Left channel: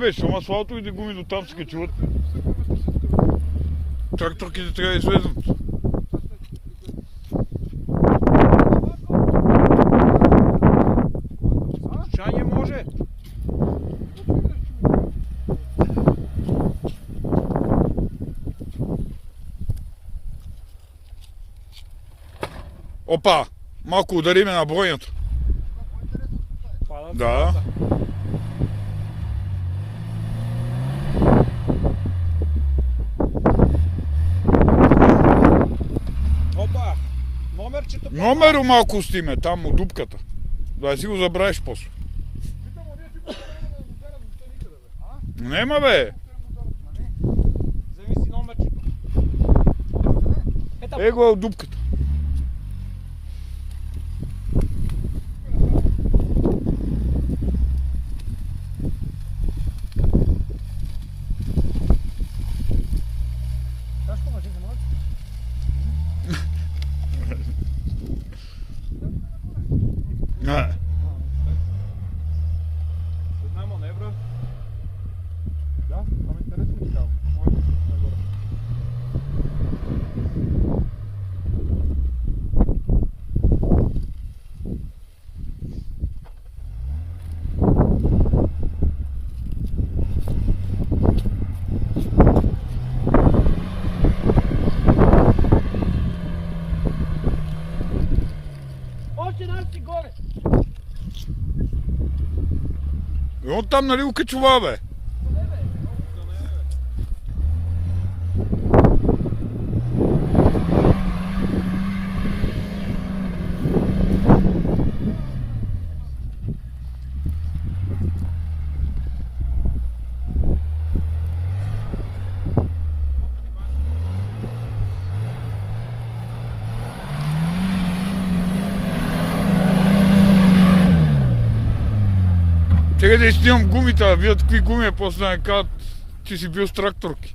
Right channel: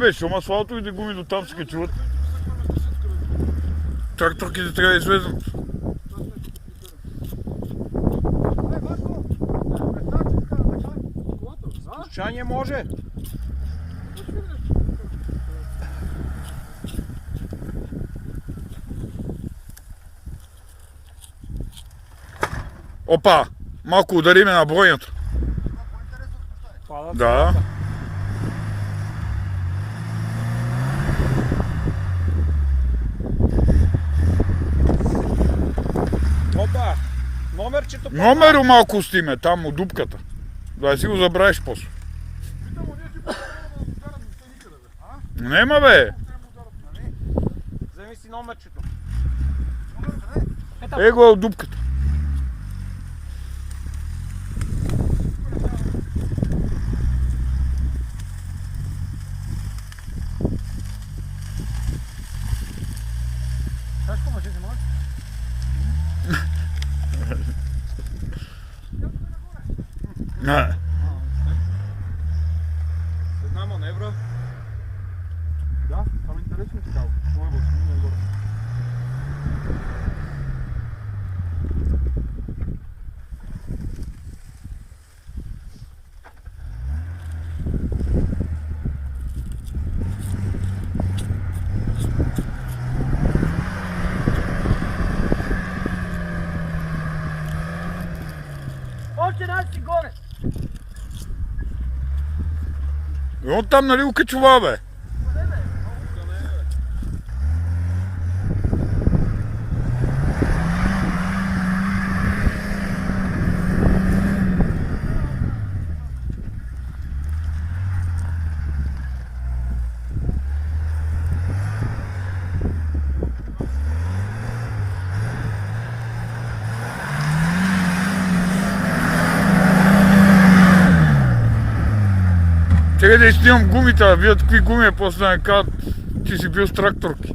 Бе, шум асфалто и да гуми до там се качуват. Тракторките трябва да излезнат. Чање може. Опа, малко удариме на бойнята. Падат Да. цената. Опа, номерчето падна. Номеро малко стиме, там у дупката. Да си го забравиш после. Нема бе. Вземи си номерчето. Его е у дупката. Не. Една маневра. Да, там интересно ми става. Това е в горе. Още наси горе! И он там нали окачува бе? Трябва да изснимам гумите, да видят какви гуми е, после да не кажат, ти си бил с тракторки.